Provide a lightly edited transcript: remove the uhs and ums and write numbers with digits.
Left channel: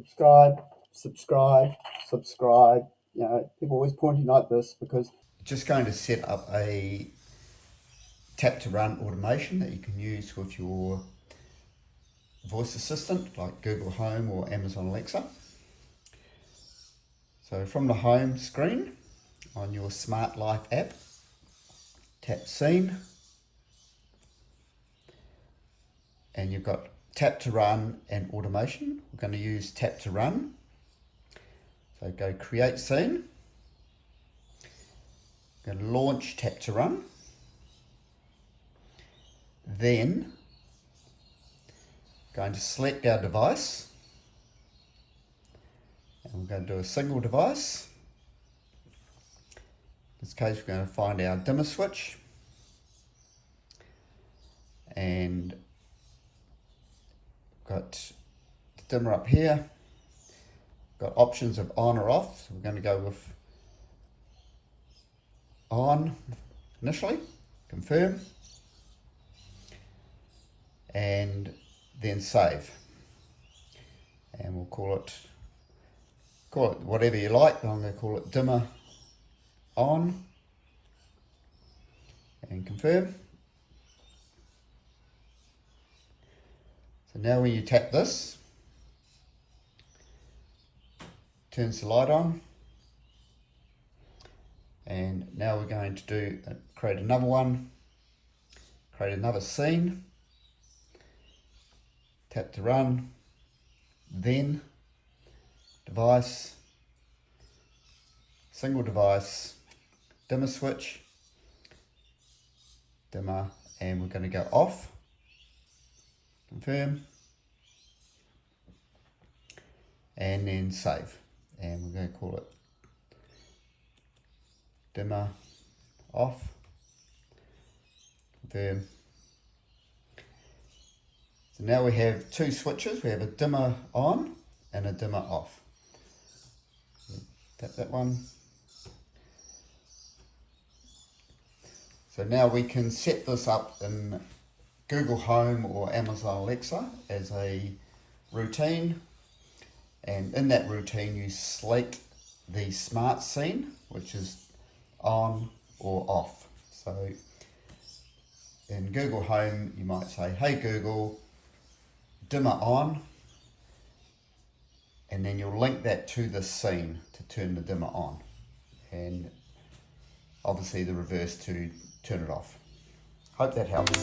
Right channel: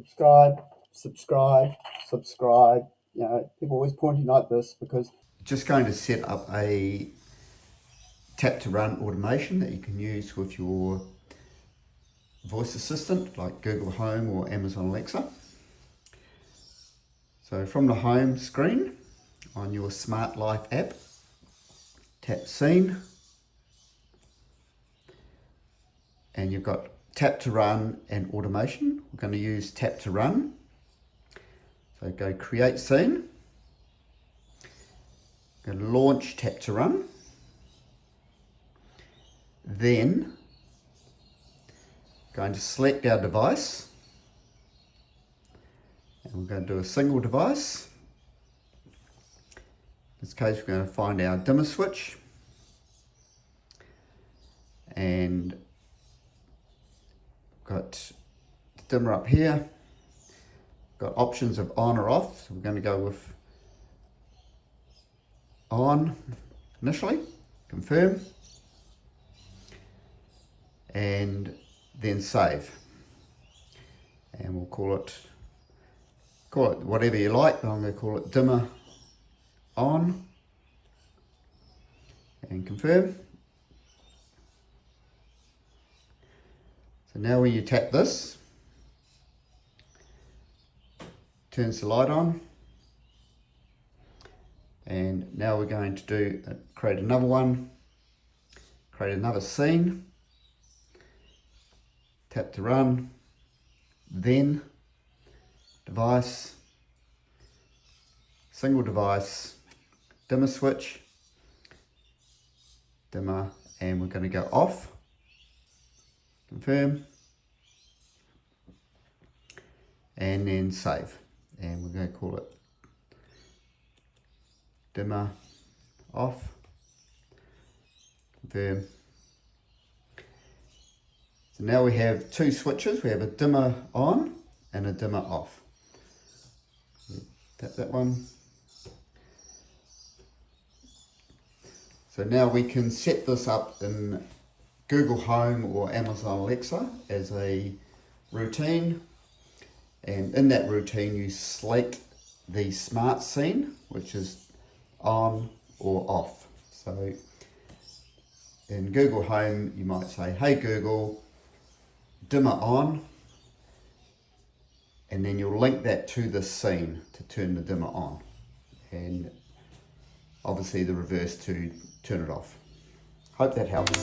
subscribe, subscribe, subscribe. You know, people always pointing like this because Just going to set up a tap to run automation that you can use with your voice assistant like Google Home or Amazon Alexa. So from the home screen on your Smart Life app, tap Scene, and you've got tap to run and automation. We're going to use tap to run. So go create scene, go launch tap to run, then going to select our device, and we're going to do a single device. In this case, we're going to find our dimmer switch, and got the dimmer up here. Got options of on or off, so we're going to go with on initially, confirm, and then save. And we'll call it whatever you like. I'm going to call it dimmer on, and confirm. So now when you tap this, turns the light on, and now we're going to do create another one, create another scene, tap to run, then device, single device, dimmer switch, dimmer, and we're going to go off, confirm, and then save. And we're going to call it dimmer off, confirm. So now we have two switches. We have a dimmer on and a dimmer off. Tap that one. So now we can set this up in Google Home or Amazon Alexa as a routine. And in that routine, you select the smart scene, which is on or off. So in Google Home, you might say, hey Google, dimmer on, and then you'll link that to the scene to turn the dimmer on, and obviously the reverse to turn it off. Hope that helps.